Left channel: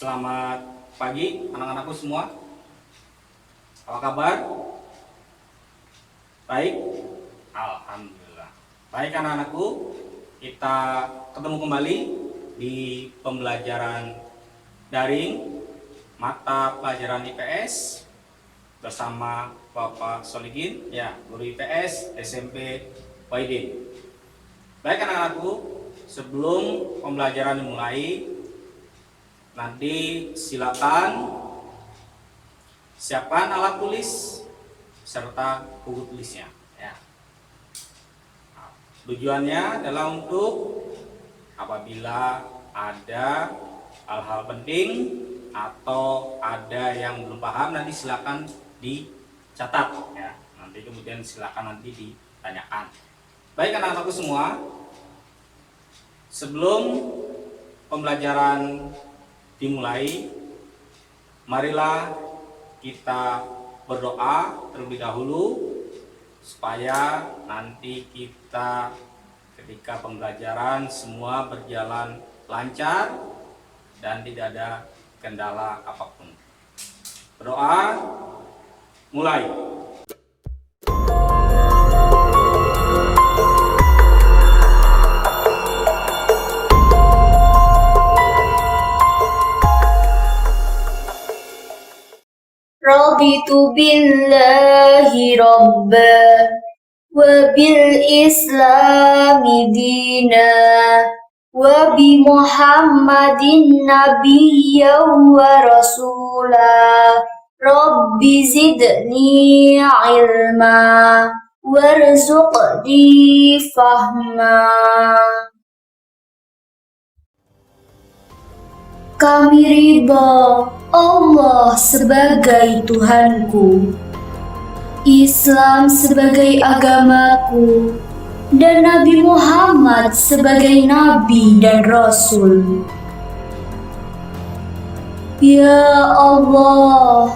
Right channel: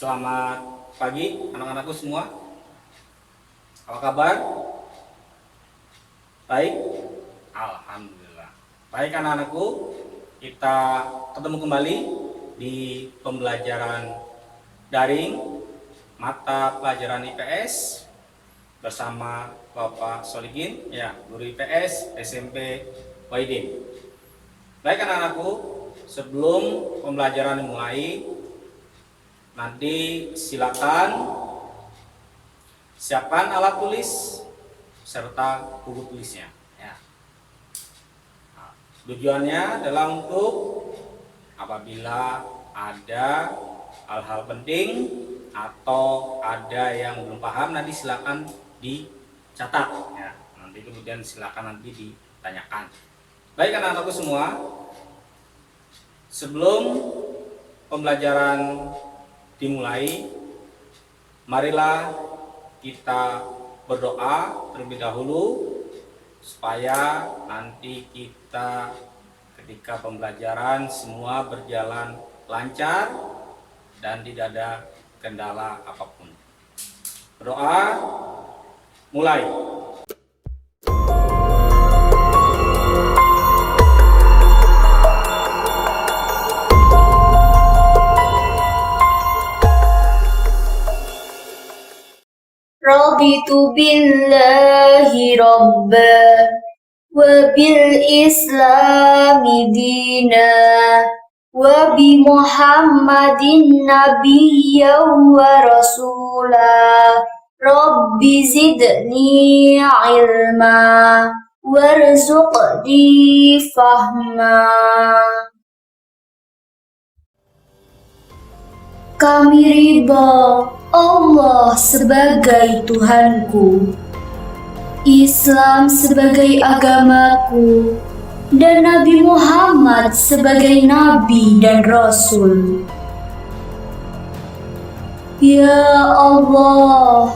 Selamat pagi anak-anakku semua. Apa kabar? Baik? Alhamdulillah. Baik anak-anakku, kita ketemu kembali di pembelajaran daring mata pelajaran IPS bersama Bapak Solikin, ya, guru IPS SMP Wahidin. Baik anak-anakku, sebelum pembelajaran dimulai, nanti silakan siapkan alat tulis serta buku tulisnya. Ya. Nah, tujuannya adalah untuk apabila ada hal-hal penting atau ada yang belum paham, nanti silakan dicatat. Ya. Nanti kemudian silakan nanti ditanyakan. Baik anak-anakku semua, sebelum pembelajaran dimulai, marilah kita berdoa terlebih dahulu supaya nanti kita ketika pembelajaran semua berjalan lancar dan tidak ada kendala apapun. Berdoa, mulai. Raditu billahi rabba wa bil islami dina wa bi muhammadin nabiyya wa rasula rabbi zidni ilma warzuqni fahma. Kami ridha Allah sebagai Tuhanku, Islam sebagai agamaku, dan Nabi Muhammad sebagai Nabi dan Rasul. Ya Allah,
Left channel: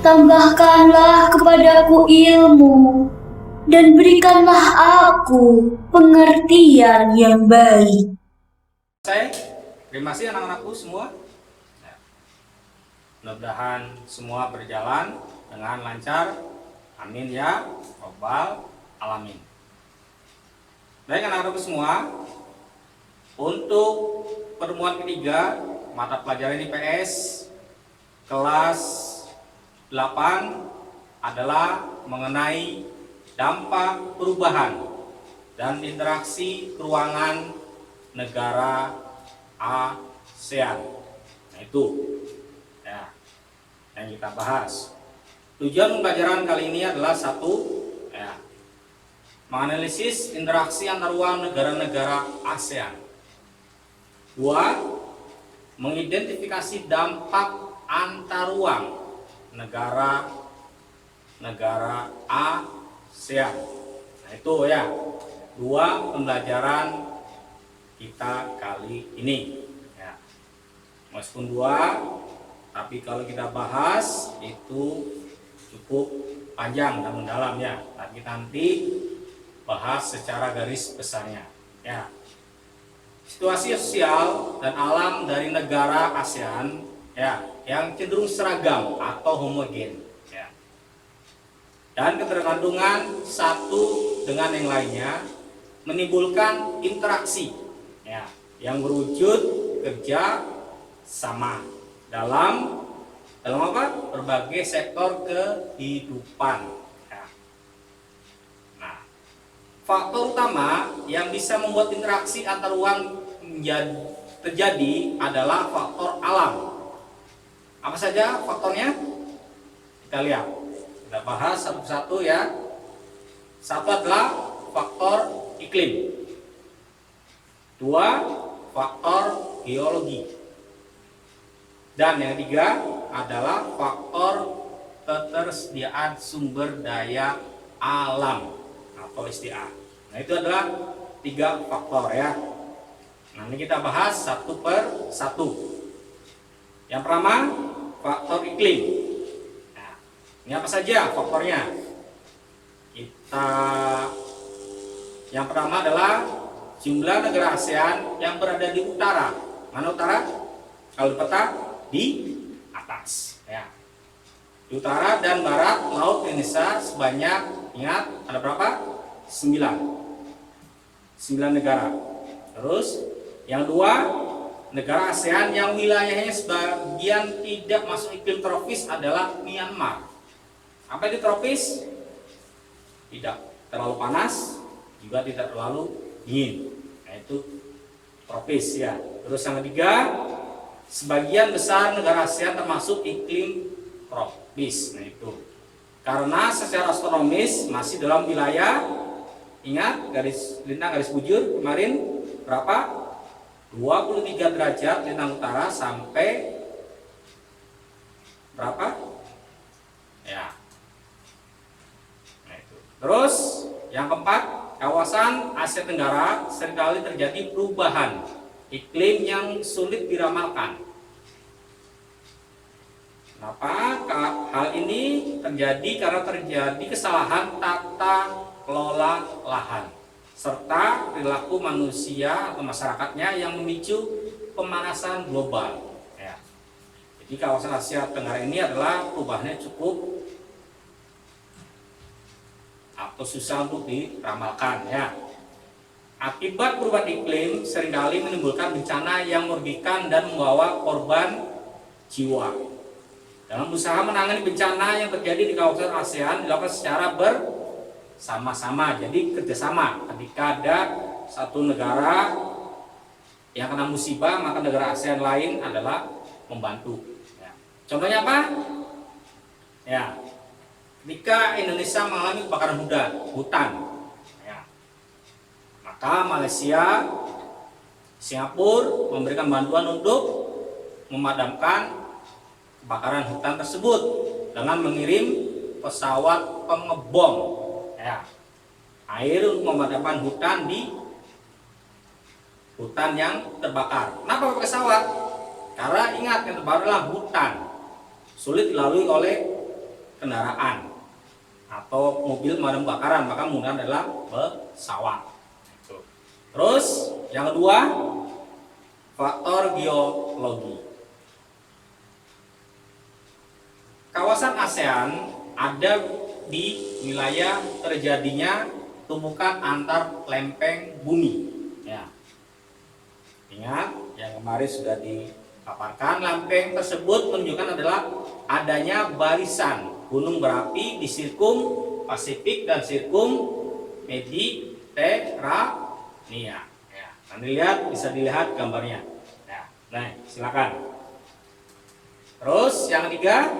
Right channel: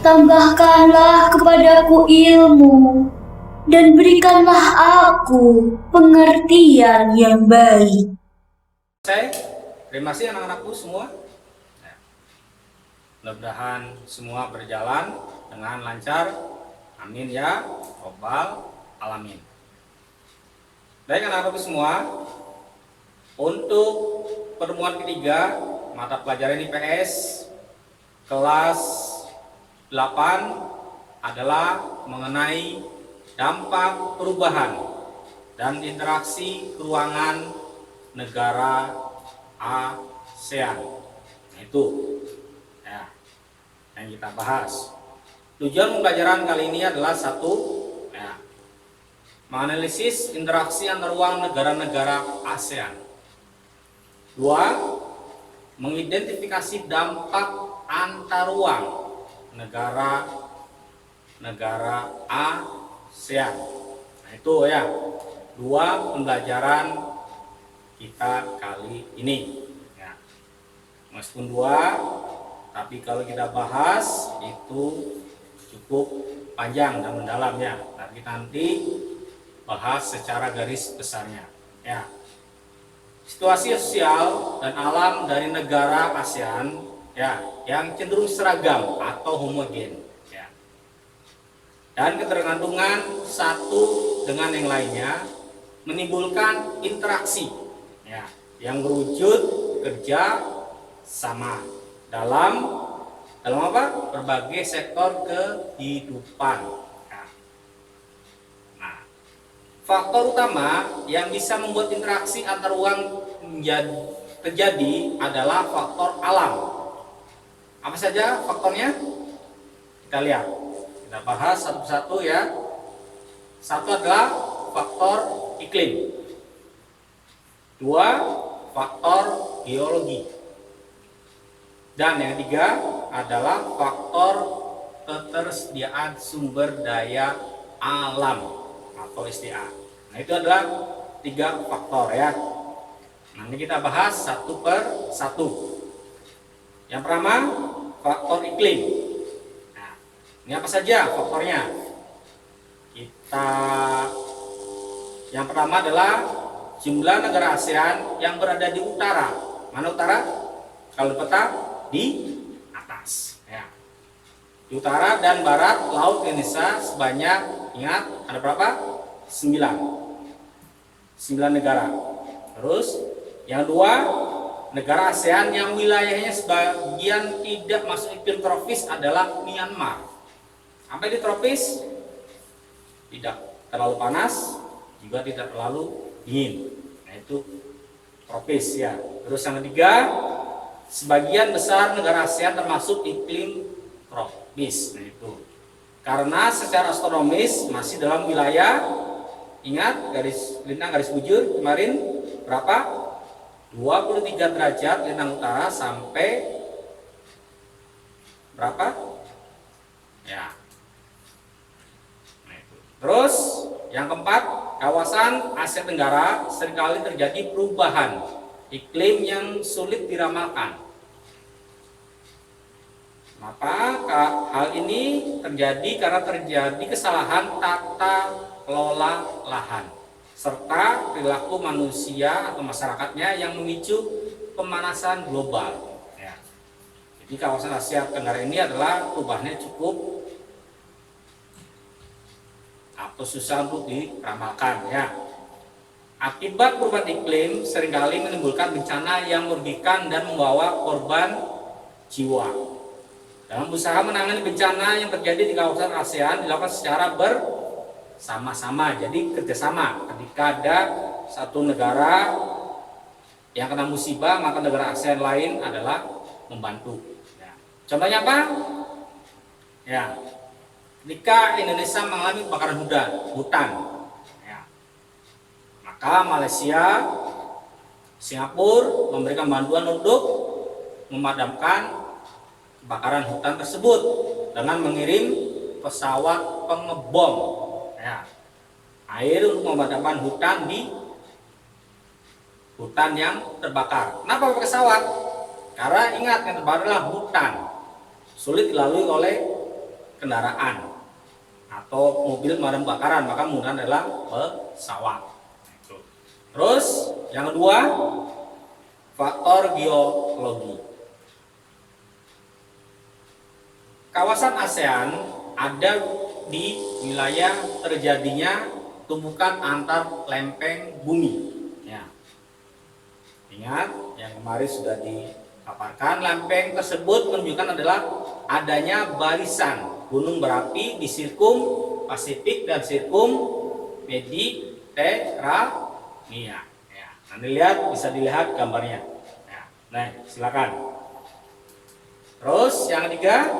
tambahkanlah kepadaku ilmu dan berikanlah aku pengertian yang baik. Terima kasih anak-anakku semua. Mudah-mudahan semua berjalan dengan lancar. Amin ya robbal alamin. Baik anak-anakku semua, untuk pertemuan ketiga mata pelajaran IPS kelas 8 adalah mengenai dampak perubahan dan interaksi ruangan negara ASEAN. Nah, itu ya yang kita bahas. Tujuan pembelajaran kali ini adalah satu, ya, menganalisis interaksi antar ruang negara-negara ASEAN. Dua, mengidentifikasi dampak antar ruang negara-negara ASEAN. Nah, itu ya dua pembelajaran kita kali ini. Ya. Meskipun dua, tapi kalau kita bahas itu cukup panjang dan mendalam ya. Tapi kita nanti bahas secara garis besarnya. Ya. Situasi sosial dan alam dari negara ASEAN ya yang cenderung seragam atau homogen. Ya. Dan ketergantungan satu dengan yang lainnya menimbulkan interaksi ya yang berwujud kerja sama dalam apa? Berbagai sektor kehidupan. Ya. Nah, faktor utama yang bisa membuat interaksi antar ruang terjadi adalah faktor alam. Apa saja faktornya? Kita lihat. Kita bahas satu persatu ya. Satu adalah faktor iklim. Dua, faktor geologi. Dan yang ketiga adalah faktor ketersediaan sumber daya alam atau SDA. Nah, itu adalah 3 faktor ya. Nanti kita bahas satu per satu. Yang pertama, faktor iklim. Nah, ini apa saja faktornya? Yang pertama adalah jumlah negara ASEAN yang berada di utara. Mana utara? Kalau di peta di atas. Ya. Di utara dan barat laut Indonesia sebanyak, ingat ada berapa? 9 negara. Terus yang kedua, negara ASEAN yang wilayahnya sebagian tidak masuk iklim tropis adalah Myanmar. Sampai di tropis, tidak terlalu panas, juga tidak terlalu dingin. Nah, itu tropis ya. Terus yang ketiga, sebagian besar negara ASEAN termasuk iklim tropis. Nah, itu karena secara astronomis masih dalam wilayah, ingat garis lintang garis bujur kemarin berapa? 23 derajat lintang utara sampai berapa? Ya. Nah, itu. Terus yang keempat, kawasan Asia Tenggara seringkali terjadi perubahan iklim yang sulit diramalkan. Kenapa? Hal ini terjadi karena terjadi kesalahan tata kelola lahan serta perilaku manusia atau masyarakatnya yang memicu pemanasan global. Ya. Jadi kawasan Asia Tenggara ini adalah perubahannya cukup atau susah untuk diramalkan ya. Akibat perubahan iklim seringkali menimbulkan bencana yang merugikan dan membawa korban jiwa. Dalam usaha menangani bencana yang terjadi di kawasan ASEAN dilakukan secara bersama-sama, jadi kerjasama. Ketika ada satu negara yang kena musibah, maka negara ASEAN lain adalah membantu. Ya. Contohnya apa? Ya, ketika Indonesia mengalami kebakaran hutan, ya, maka Malaysia, Singapura memberikan bantuan untuk memadamkan kebakaran hutan tersebut dengan mengirim pesawat pengebom ya, air untuk memadamkan hutan di hutan yang terbakar. Kenapa pakai pesawat? Karena ingat yang terbakar adalah hutan, sulit dilalui oleh kendaraan atau mobil pemadam kebakaran, maka menggunakan adalah pesawat. Terus yang kedua, faktor geologi. Kawasan ASEAN ada di wilayah terjadinya tumbukan antar lempeng bumi. Ya. Ingat yang kemarin sudah dipaparkan, lempeng tersebut menunjukkan adalah adanya barisan gunung berapi di sirkum Pasifik dan sirkum Mediterania. Ya. Nanti lihat, bisa dilihat gambarnya. Ya. Nah, silakan. Terus yang ketiga,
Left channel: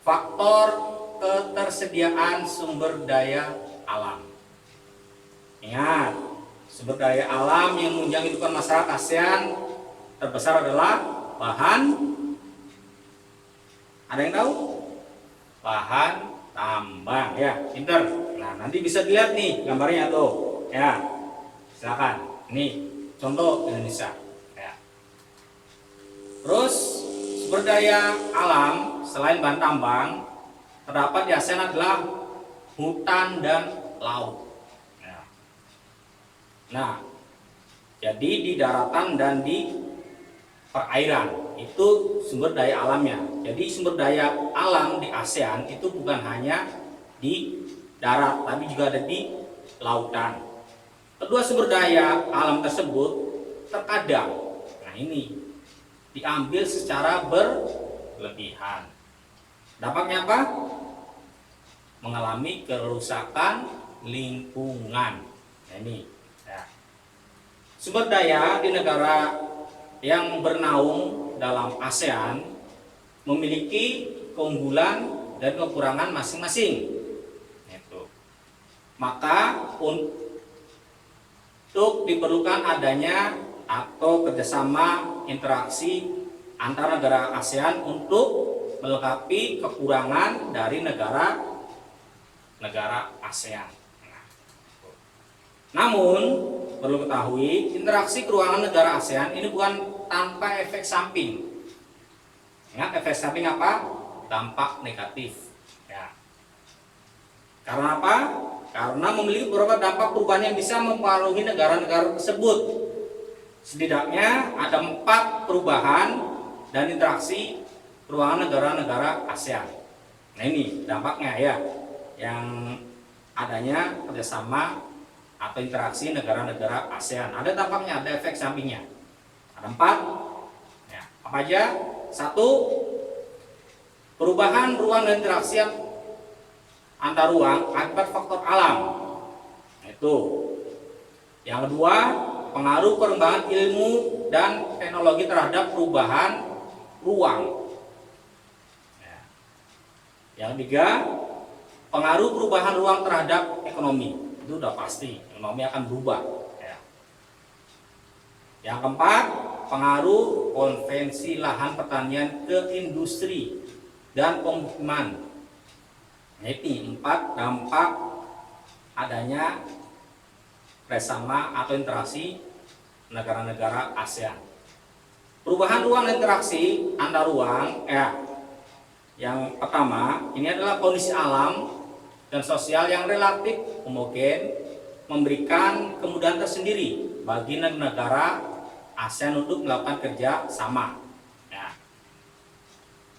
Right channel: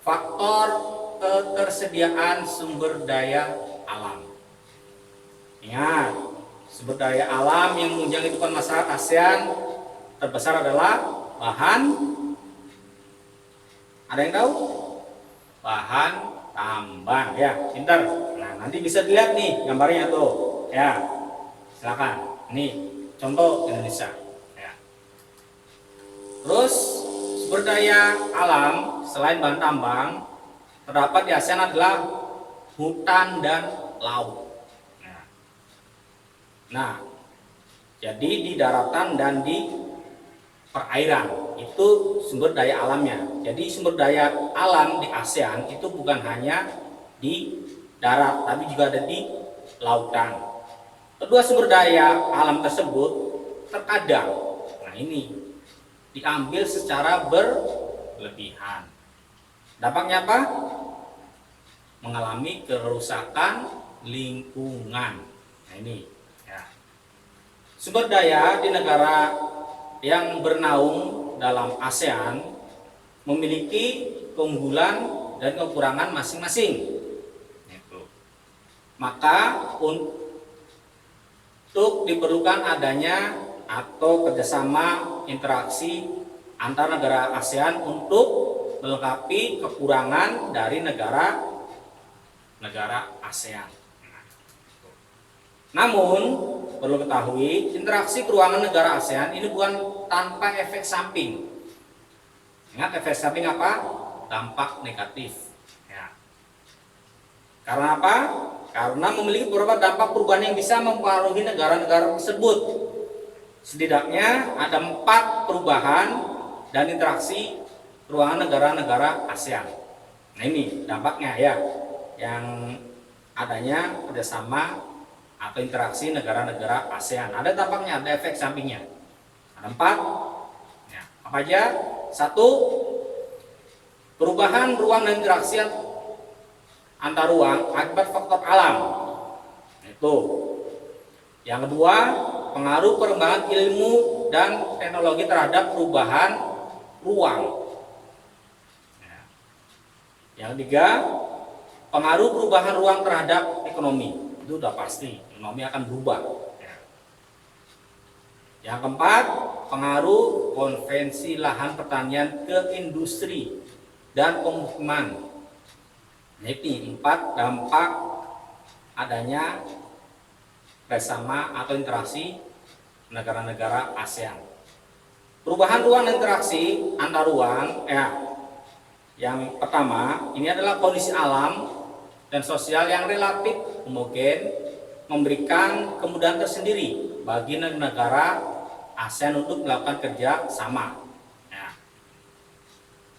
faktor ketersediaan sumber daya alam. Ingat, sumber daya alam yang menunjang kehidupan masyarakat ASEAN terbesar adalah bahan, ada yang tahu? Bahan tambang ya, pintar. Nah, nanti bisa dilihat nih gambarnya tuh. Ya. Silakan. Ini contoh Indonesia. Ya. Terus sumber daya alam selain bahan tambang terdapat di ASEAN adalah hutan dan laut. Nah, jadi di daratan dan di perairan itu sumber daya alamnya. Jadi sumber daya alam di ASEAN itu bukan hanya di darat, tapi juga ada di lautan. Kedua sumber daya alam tersebut terkadang, nah ini diambil secara berlebihan. Dampaknya apa? Mengalami kerusakan lingkungan. Nah ini ya. Sumber daya di negara yang bernaung dalam ASEAN memiliki keunggulan dan kekurangan masing-masing. Maka untuk diperlukan adanya atau kerjasama interaksi antar negara ASEAN untuk melengkapi kekurangan dari negara ASEAN. Namun perlu ketahui, interaksi keuangan negara ASEAN ini bukan tanpa efek samping. Ingat efek samping apa? Dampak negatif. Ya. Karena apa? Karena memiliki beberapa dampak perubahan yang bisa mempengaruhi negara-negara tersebut. Setidaknya ada 4 perubahan dan interaksi ruangan negara-negara ASEAN. Nah ini dampaknya ya, yang adanya kerjasama atau interaksi negara-negara ASEAN. Ada dampaknya, ada efek sampingnya. Ada 4. Ya, apa aja? 1. Perubahan ruang dan interaksi antar ruang akibat faktor alam. Itu. Yang kedua, pengaruh perkembangan ilmu dan teknologi terhadap perubahan ruang. Ya. Yang ketiga, pengaruh perubahan ruang terhadap ekonomi. Itu udah pasti, ekonomi akan berubah. Ya. Yang keempat, pengaruh konvensi lahan pertanian ke industri dan pemukiman. Ini 4 dampak adanya kerjasama atau interaksi negara-negara ASEAN. Perubahan ruang dan interaksi antar ruang, yang pertama ini adalah kondisi alam dan sosial yang relatif homogen, memberikan kemudahan tersendiri bagi negara ASEAN untuk melakukan kerja sama.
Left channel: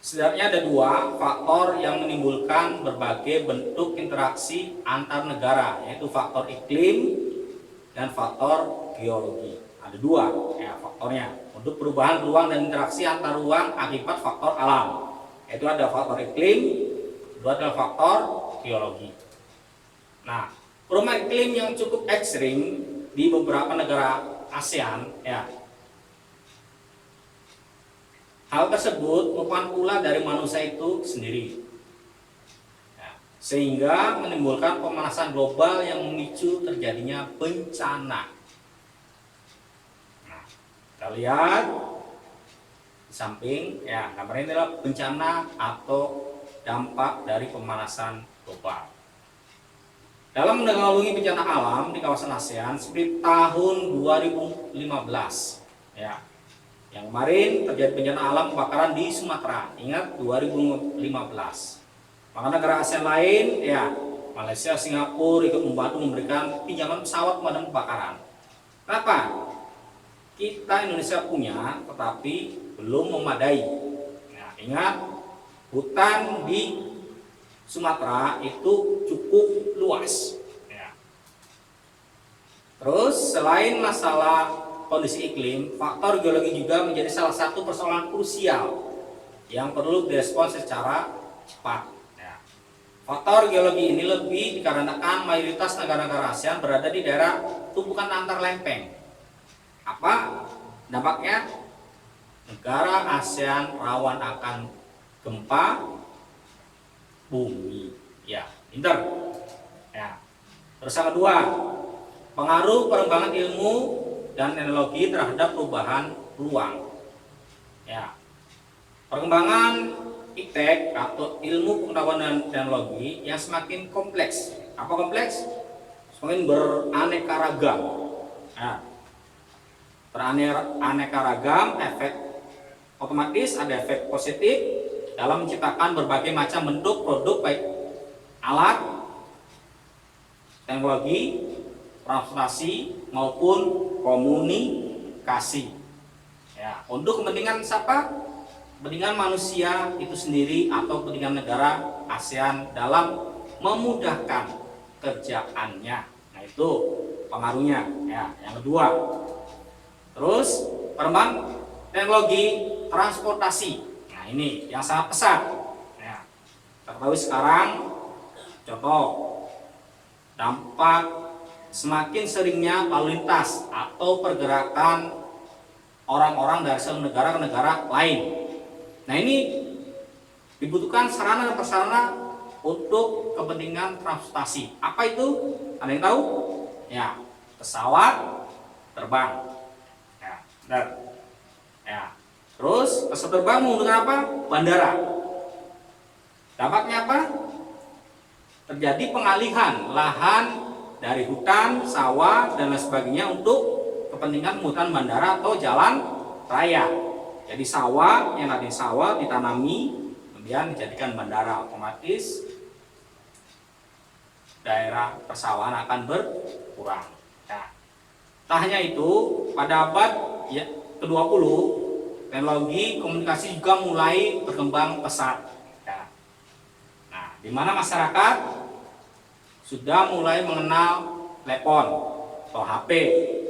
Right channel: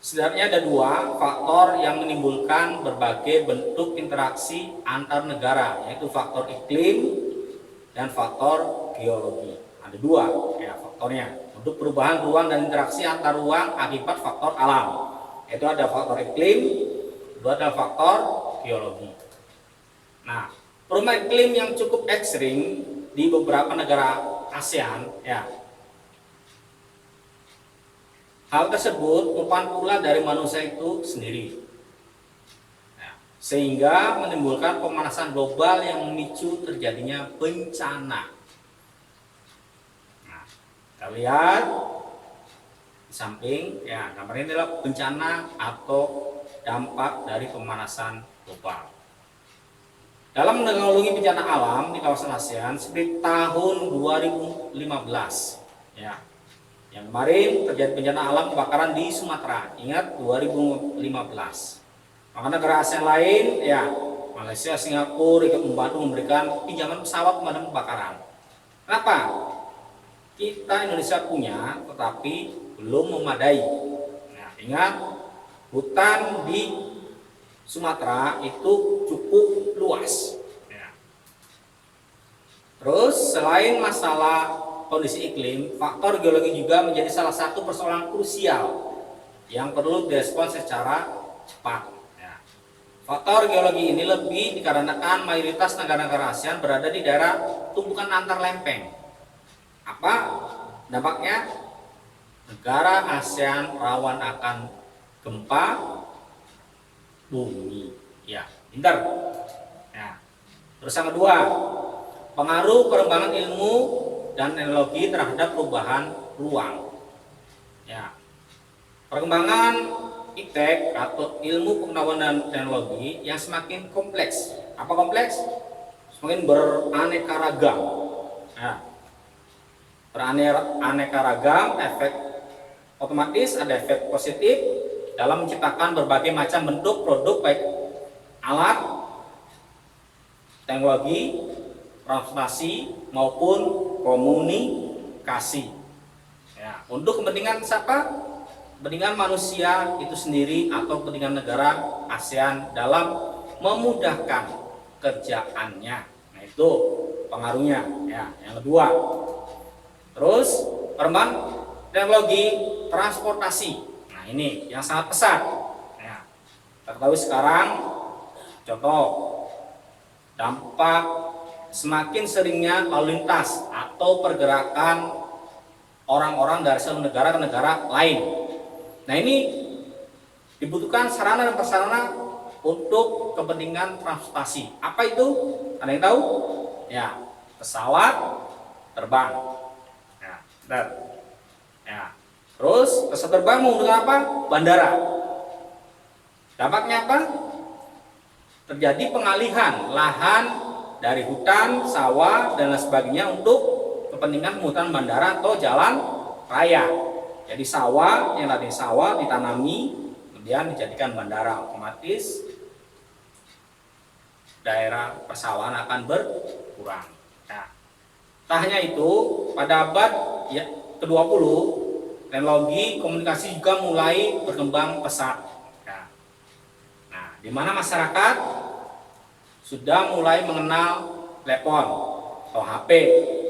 Sebenarnya ada 2 faktor yang menimbulkan berbagai bentuk interaksi antar negara, yaitu faktor iklim dan faktor geologi. Ada 2 faktornya untuk perubahan ruang dan interaksi antar ruang akibat faktor alam. Itu ada faktor iklim, itu ada faktor geologi. Nah, perubahan iklim yang cukup ekstrim di beberapa negara ASEAN, hal tersebut merupakan pula dari manusia itu sendiri, sehingga menimbulkan pemanasan global yang memicu terjadinya bencana. Nah, kita lihat di samping, gambar ini adalah bencana atau dampak dari pemanasan global. Dalam menanggulangi bencana alam di kawasan ASEAN seperti tahun 2015, yang kemarin terjadi bencana alam kebakaran di Sumatera. Ingat 2015. Maka negara ASEAN lain, Malaysia, Singapura ikut membantu memberikan pinjaman pesawat pemadam kebakaran. Kenapa? Kita Indonesia punya, tetapi belum memadai. Ingat, hutan di Sumatera itu cukup luas. Terus selain masalah kondisi iklim, faktor geologi juga menjadi salah satu persoalan krusial yang perlu direspons secara cepat. Faktor geologi ini lebih dikarenakan mayoritas negara-negara ASEAN berada di daerah tumpukan antar lempeng. Apa dampaknya? Negara ASEAN rawan akan gempa bumi. Pintar. Terus yang kedua, pengaruh perkembangan ilmu dan teknologi terhadap perubahan ruang. Perkembangan iptek atau ilmu pengetahuan dan teknologi yang semakin kompleks. Apa kompleks? Semakin beraneka ragam. Beraneka ragam, efek otomatis ada efek positif dalam menciptakan berbagai macam bentuk produk, baik alat, teknologi, transportasi maupun komunikasi. Untuk kepentingan siapa? Kepentingan manusia itu sendiri atau kepentingan negara ASEAN dalam memudahkan kerjaannya. Nah, itu pengaruhnya. Yang kedua. Terus perkembangan teknologi transportasi. Nah, ini yang sangat pesat. Tertahui sekarang contoh dampak semakin seringnya lalu lintas atau pergerakan orang-orang dari satu negara ke negara lain. Nah, ini dibutuhkan sarana dan prasarana untuk kepentingan transportasi. Apa itu? Ada yang tahu? Pesawat terbang. Terus pesawat terbang menggunakan apa? Bandara. Dampaknya apa? Terjadi pengalihan lahan dari hutan, sawah, dan lain sebagainya untuk kepentingan pembuatan bandara atau jalan raya. Jadi sawah, yang tadi sawah ditanami, kemudian dijadikan bandara, otomatis daerah persawahan akan berkurang. Tak hanya itu, pada abad ke-20 teknologi komunikasi juga mulai berkembang pesat. Ya. Nah, di mana masyarakat sudah mulai mengenal telepon atau HP,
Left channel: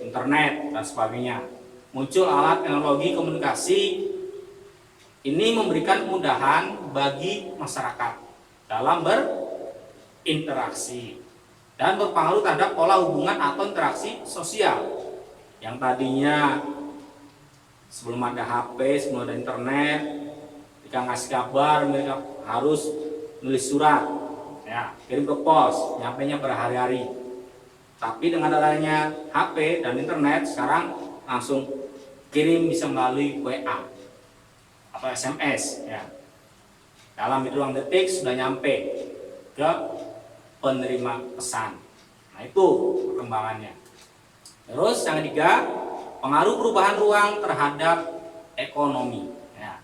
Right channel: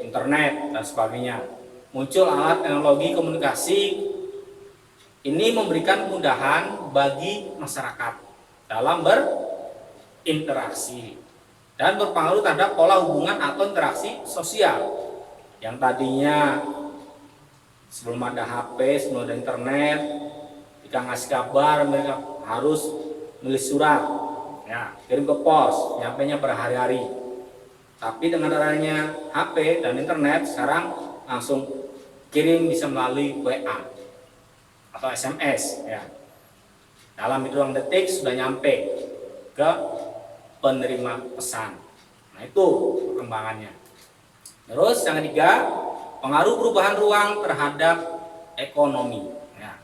internet dan sebagainya. Muncul alat teknologi komunikasi ini memberikan kemudahan bagi masyarakat dalam berinteraksi dan berpengaruh terhadap pola hubungan atau interaksi sosial yang tadinya sebelum ada HP, sebelum ada internet, jika ngasih kabar mereka harus nulis surat, ya, kirim ke pos, nyampainya berhari-hari. Tapi dengan adanya HP dan internet sekarang langsung kirim bisa melalui WA atau SMS, ya. Dalam hitungan detik sudah nyampe ke penerima pesan. Nah, itu perkembangannya. Terus yang ketiga, pengaruh perubahan ruang terhadap ekonomi. Ya.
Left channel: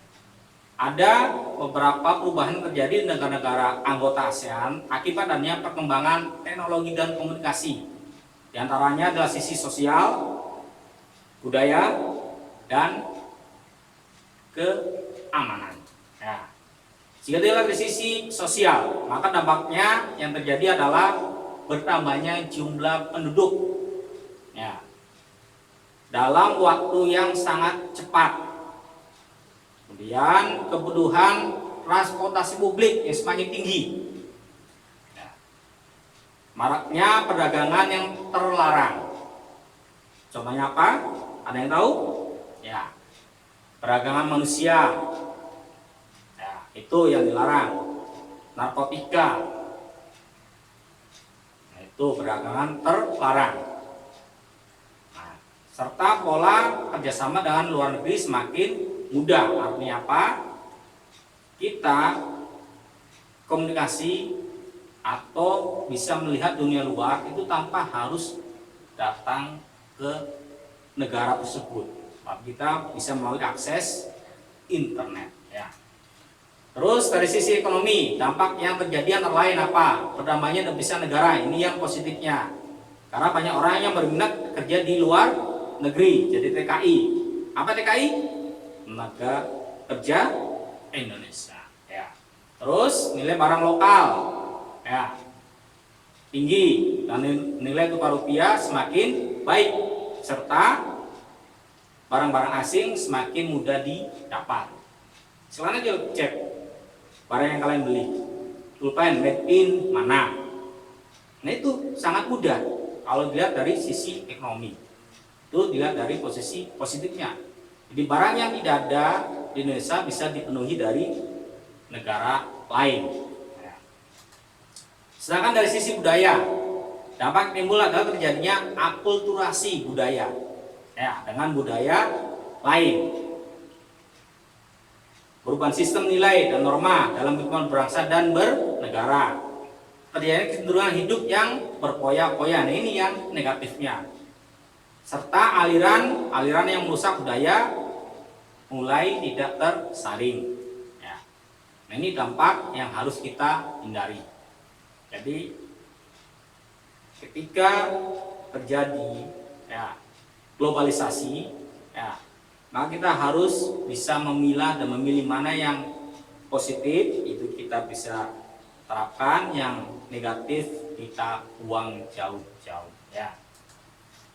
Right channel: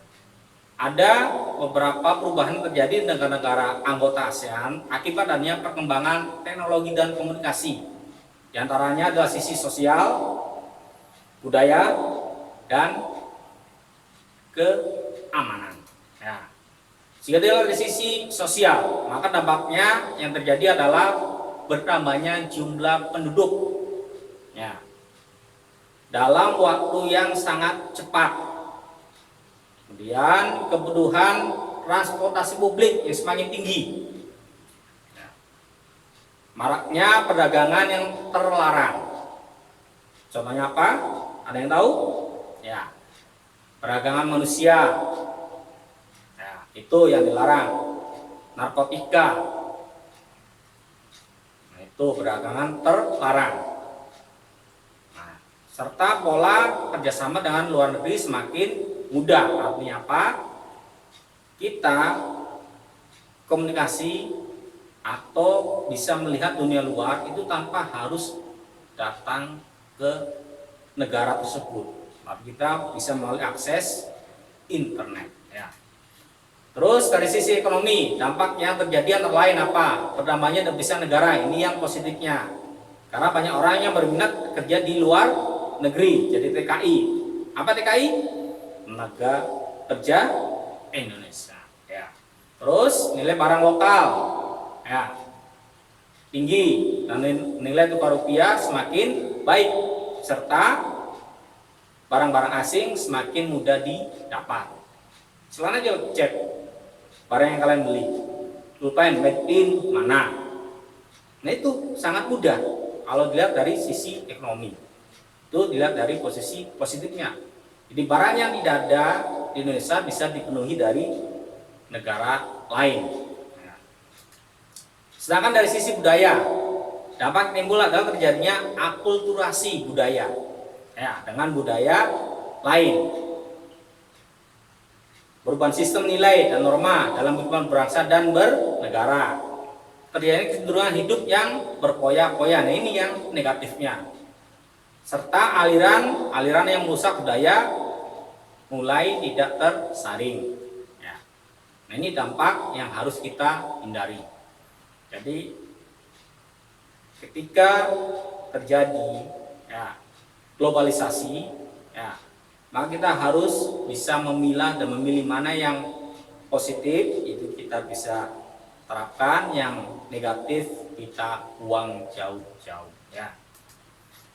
Ada beberapa perubahan terjadi di negara-negara anggota ASEAN akibat adanya perkembangan teknologi dan komunikasi. Di antaranya adalah sisi sosial, budaya, dan keamanan. Ya. Jika dilihat dari sisi sosial, maka dampaknya yang terjadi adalah bertambahnya jumlah penduduk. Ya. Dalam waktu yang sangat cepat. Kemudian kebutuhan transportasi publik yang semakin tinggi. Ya. Maraknya perdagangan yang terlarang. Contohnya apa? Ada yang tahu? Ya. Perdagangan manusia. Ya, itu yang dilarang. Narkotika. Nah, itu perdagangan terlarang. Serta pola kerjasama dengan luar negeri semakin mudah. Artinya apa? Kita komunikasi atau bisa melihat dunia luar itu tanpa harus datang ke negara tersebut. Kita bisa melalui akses internet. Ya. Terus dari sisi ekonomi, dampak yang terjadi antara lain apa? Pertamanya devisa negara, ini yang positifnya. Karena banyak orang yang berminat kerja di luar negeri, jadi TKI. Apa TKI? Tenaga Kerja Indonesia. Ya. Terus nilai barang lokal, ya, tinggi dan nilai tukar rupiah semakin baik, serta barang-barang asing semakin mudah didapat. Selain aja cek barang yang kalian beli, pulpen made in mana. Nah, itu sangat mudah kalau dilihat dari sisi ekonomi. Itu dilihat dari posisi positifnya. Jadi barang yang tidak ada di Indonesia bisa dipenuhi dari negara lain. Sedangkan dari sisi budaya, dampak timbul adalah terjadinya akulturasi budaya, ya, dengan budaya lain. Perubahan sistem nilai dan norma dalam kehidupan berbangsa dan bernegara. Terjadi kecenderungan hidup yang berpoya-poya. Nah, ini yang negatifnya. Serta aliran yang merusak budaya mulai tidak tersaring. Ya. Nah, ini dampak yang harus kita hindari. Jadi ketika terjadi, ya, globalisasi, ya, maka kita harus bisa memilah dan memilih mana yang positif itu kita bisa terapkan, yang negatif kita buang jauh-jauh. Ya.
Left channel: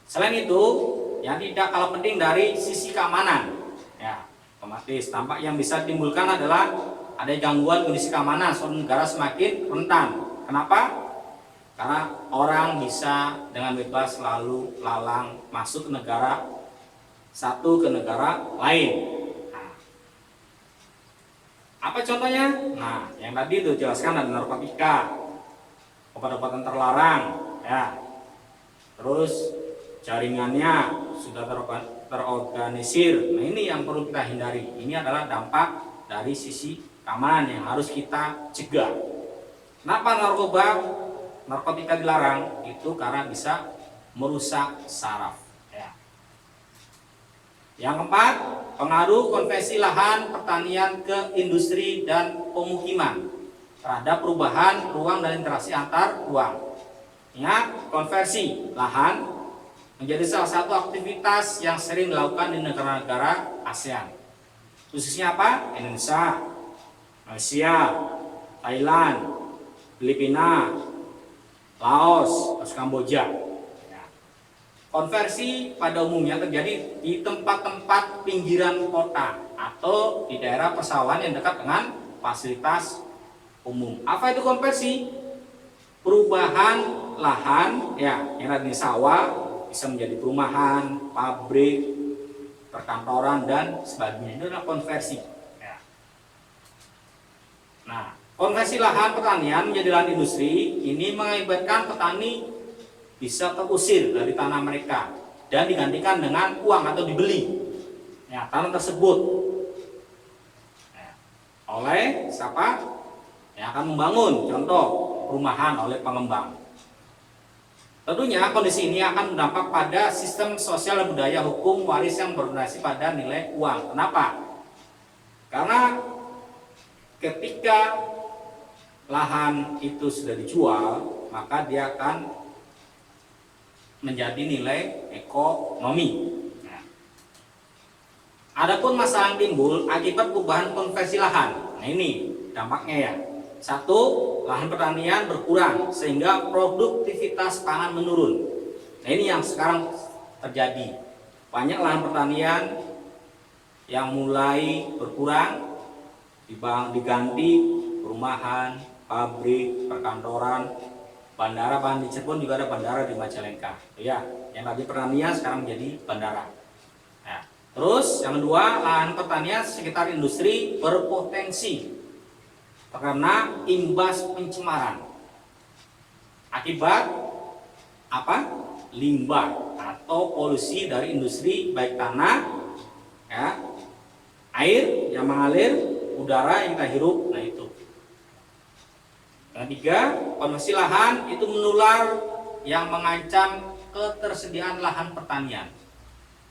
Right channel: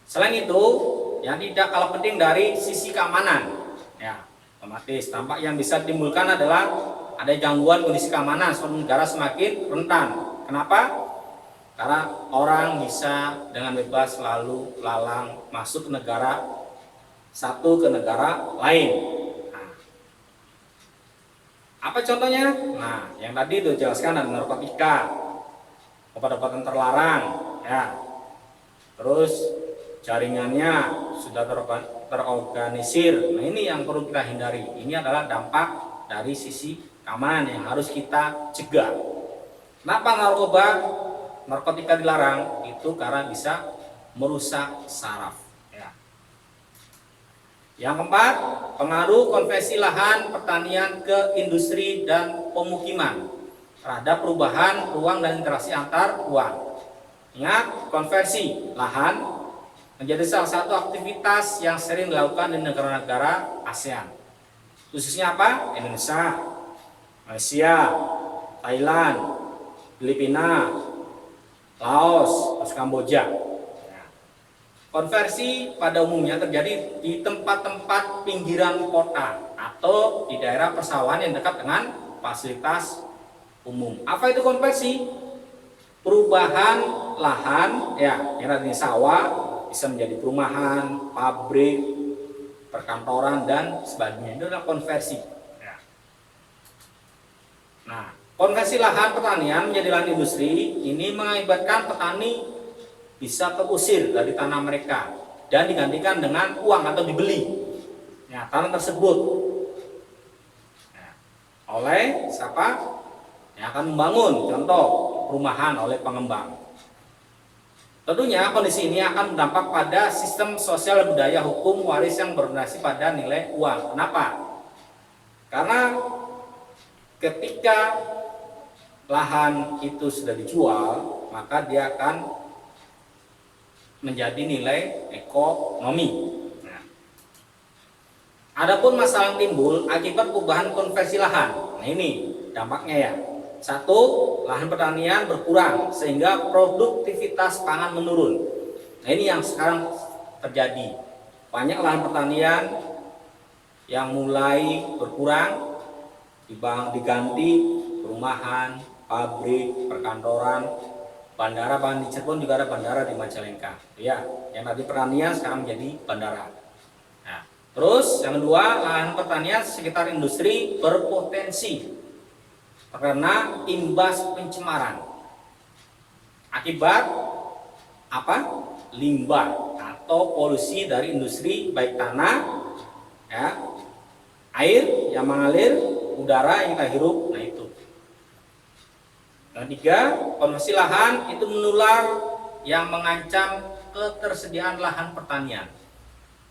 Selain itu, yang tidak kalah penting dari sisi keamanan, ya, otomatis dampak yang bisa ditimbulkan adalah ada gangguan kondisi keamanan suatu negara semakin rentan. Kenapa? Karena orang bisa dengan bebas lalu lalang masuk ke negara satu ke negara lain. Nah, apa contohnya? Nah, yang tadi itu jelaskan ada narkotika, obat-obatan terlarang, ya. Terus jaringannya sudah terorganisir. Nah, ini yang perlu kita hindari. Ini adalah dampak dari sisi keamanan yang harus kita cegah. Kenapa narkotika dilarang? Itu karena bisa merusak saraf. Ya. Yang keempat, pengaruh konversi lahan pertanian ke industri dan pemukiman terhadap perubahan ruang dan interaksi antar ruang. Ingat, konversi lahan menjadi salah satu aktivitas yang sering dilakukan di negara-negara ASEAN. khususnya apa? Indonesia, Malaysia, Thailand, Filipina, Laos, terus Kamboja. Nah, konversi pada umumnya terjadi di tempat-tempat pinggiran kota atau di daerah persawahan yang dekat dengan fasilitas umum. Apa itu konversi? Perubahan lahan, ya, yang tadinya sawah bisa menjadi perumahan, pabrik, perkantoran dan sebagainya. Itu adalah konversi. Ya. Nah, konversi lahan pertanian menjadi lahan industri ini mengakibatkan petani bisa terusir dari tanah mereka dan digantikan dengan uang atau dibeli, ya, tanah tersebut, ya, oleh siapa yang akan membangun, contoh perumahan oleh pengembang. Tentunya kondisi ini akan berdampak pada sistem sosial dan budaya hukum waris yang berdasarkan pada nilai uang. Kenapa? Karena ketika lahan itu sudah dijual, maka dia akan menjadi nilai ekonomi. Nah, adapun masalah yang timbul akibat perubahan konversi lahan. Nah, ini dampaknya ya. Satu, lahan pertanian berkurang sehingga produktivitas pangan menurun. Nah, ini yang sekarang terjadi. Banyak lahan pertanian yang mulai berkurang diganti perumahan, pabrik, perkantoran, bandara. Bahkan di Cirebon juga ada bandara di Majalengka. Ya, yang tadi pertanian sekarang menjadi bandara. Nah, terus yang kedua, lahan pertanian sekitar industri berpotensi karena imbas pencemaran akibat apa? Limbah atau polusi dari industri, baik tanah, ya, air yang mengalir, udara yang kita hirup. Nah, itu. Yang ketiga, konversi lahan itu menular yang mengancam ketersediaan lahan pertanian.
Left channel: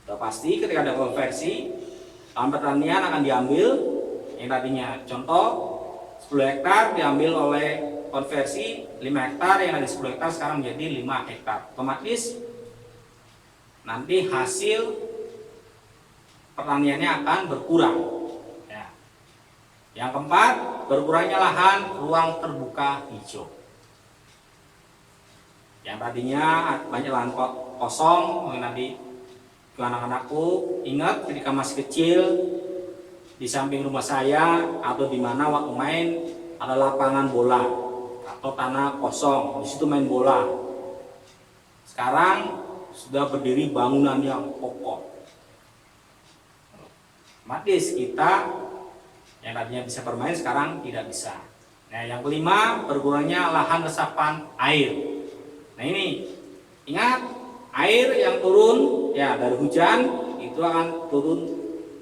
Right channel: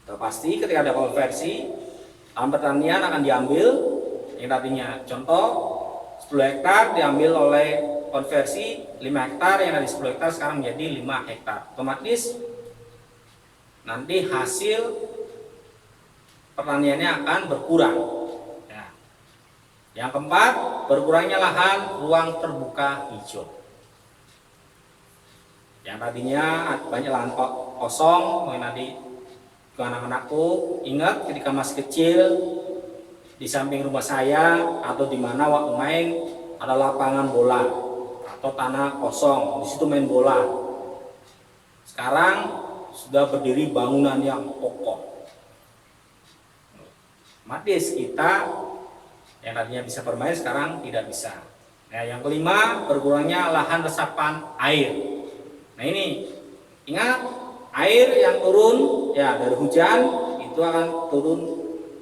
Sudah pasti ketika ada konversi, lahan pertanian akan diambil yang tadinya contoh 10 hektar diambil oleh konversi 5 hektar, yang dari 10 hektar sekarang menjadi 5 hektar. Otomatis nanti hasil pertaniannya akan berkurang. Ya. Yang keempat, berkurangnya lahan ruang terbuka hijau. Yang tadinya banyak lahan kosong, mungkin tadi ke anak-anakku ingat ketika masih kecil, di samping rumah saya atau di mana waktu main ada lapangan bola atau tanah kosong, di situ main bola. Sekarang sudah berdiri bangunan yang kokoh. Otomatis kita yang tadinya bisa bermain sekarang tidak bisa. Nah, yang kelima, berkurangnya lahan resapan air. Nah, ini ingat, air yang turun ya dari hujan itu akan turun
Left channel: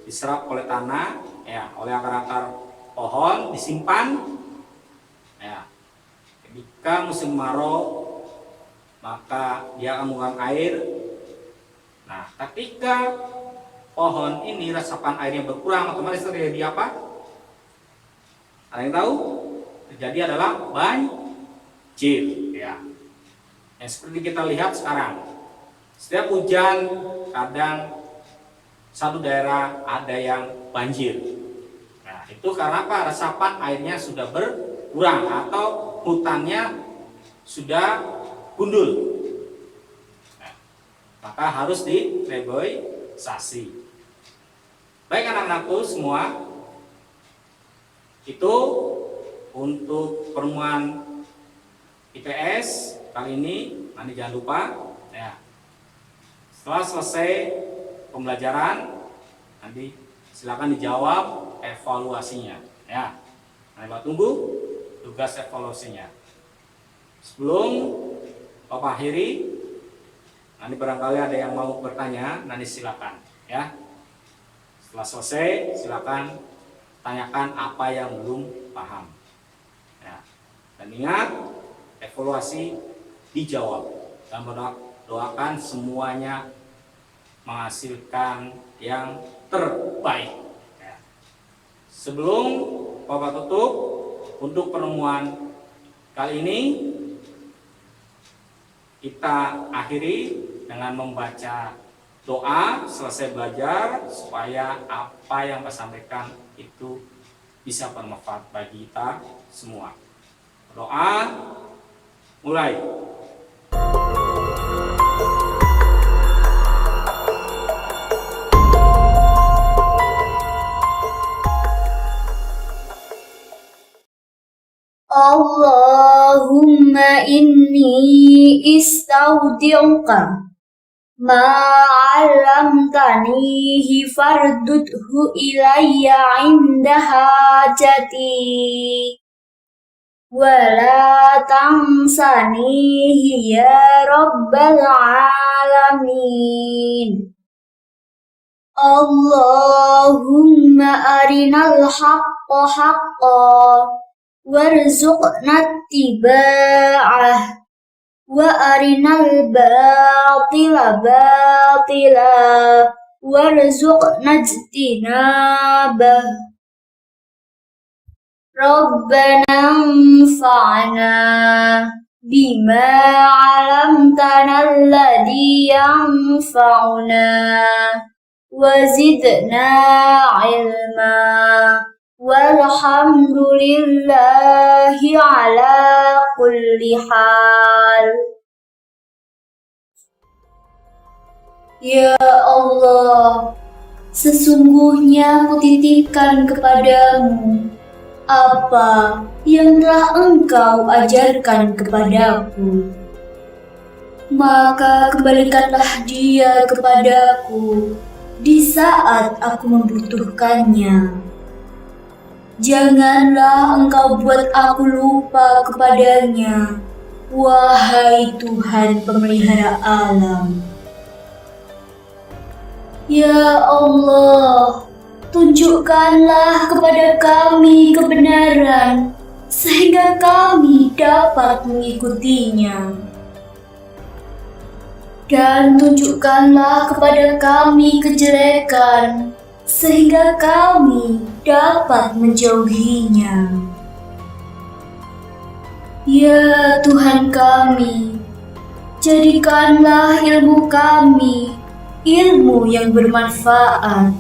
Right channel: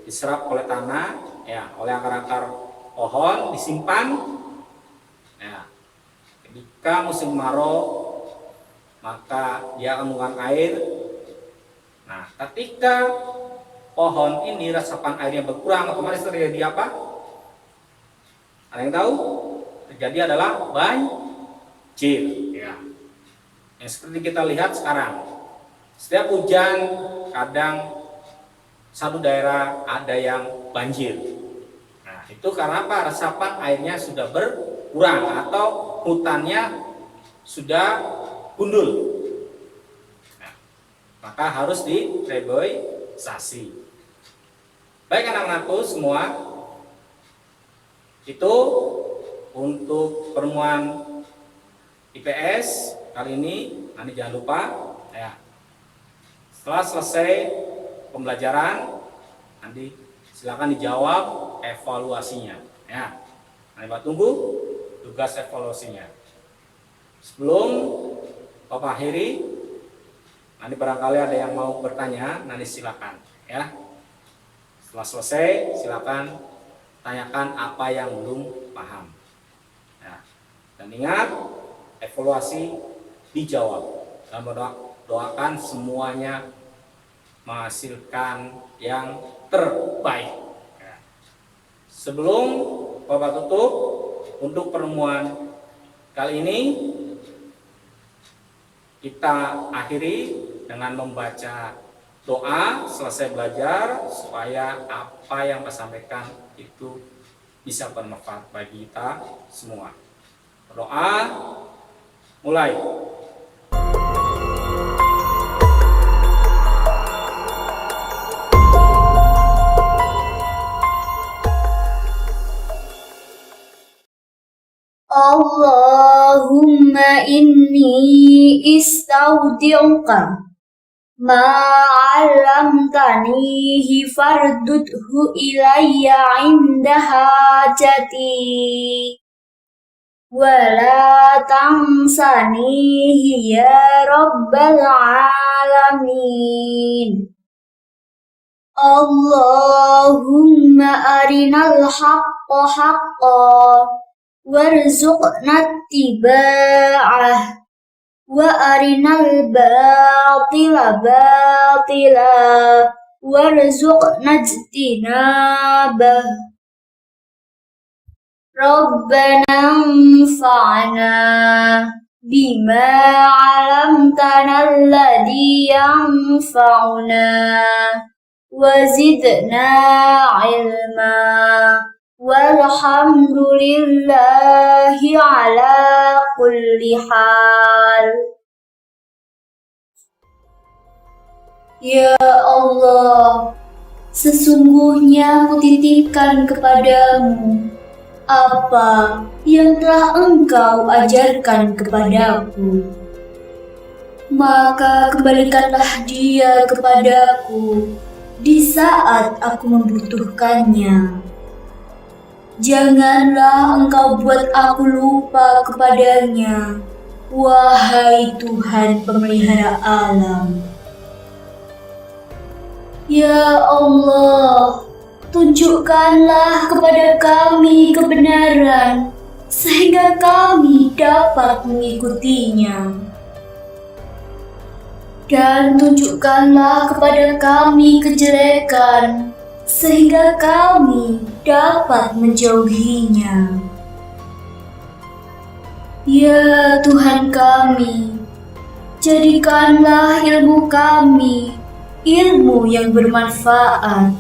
diserap oleh tanah, ya, oleh akar-akar pohon, disimpan. Ya, ketika musim kemarau maka dia akan mengeluarkan air. Nah, ketika pohon ini resapan airnya berkurang, otomatis terjadi apa? Ada yang tahu? Terjadi adalah banjir. Ya, yang seperti kita lihat sekarang. Setiap hujan kadang satu daerah ada yang banjir. Nah, itu karena apa? Resapan airnya sudah berkurang atau hutannya sudah gundul. Nah, maka harus direboisasi. Baik anak-anakku semua, itu untuk pertemuan IPS kali ini. Nanti jangan lupa ya, setelah selesai pembelajaran nanti silakan dijawab evaluasinya ya. Nanti Pak tunggu tugas evaluasinya. Sebelum Bapak akhiri, nanti barangkali ada yang mau bertanya, nanti silakan ya. Setelah selesai silakan tanyakan apa yang belum paham. Nah, dan ingat, evaluasi dijawab dan doakan semuanya menghasilkan yang terbaik. Sebelum Bapak tutup untuk pertemuan kali ini, kita akhiri dengan membaca doa selesai belajar supaya apa yang saya sampaikan itu bisa bermanfaat bagi kita semua. Doa mulai. Allahumma inni istaudi'uka ma 'allamtanihi fardudhu ilayya 'inda hajati wala tansanihi ya rabbal alamin. Allahumma arinal haqqa haqqan warzuqna ittiba'ah wa arinal batila batila warzuqna ijtinabah. Rabbana anfa'na bima 'allamtana alladhi yanfa'una wa zidna 'ilma walhamdulillahi ala kulli hal. Ya Allah, sesungguhnya kutitipkan kepadamu apa yang telah Engkau ajarkan kepadaku. Maka kembalikanlah dia kepadaku di saat aku membutuhkannya. Janganlah Engkau buat aku lupa kepadanya, wahai Tuhan pemelihara alam. Ya Allah, tunjukkanlah kepada kami kebenaran, sehingga kami dapat mengikutinya. Dan tunjukkanlah kepada kami kejelekan, sehingga kami dapat menjauhinya. Ya Tuhan kami, jadikanlah ilmu kami ilmu yang bermanfaat.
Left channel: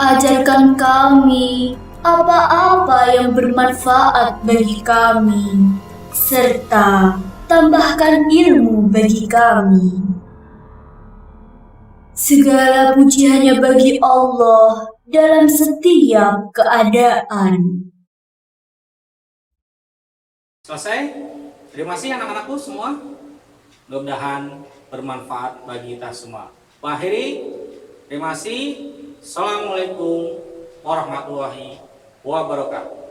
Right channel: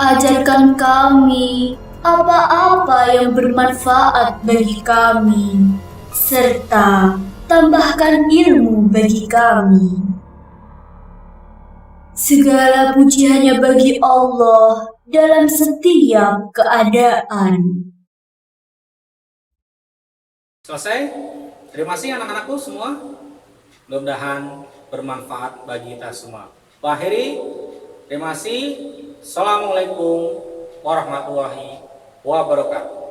Ajarkan kami apa-apa yang bermanfaat bagi kami, serta tambahkan ilmu bagi kami. Segala puji hanya bagi Allah dalam setiap keadaan. Selesai? Terima kasih anak-anakku semua. Mudah-mudahan bermanfaat bagi kita semua. Akhiri, terima kasih. Assalamualaikum warahmatullahi wabarakatuh.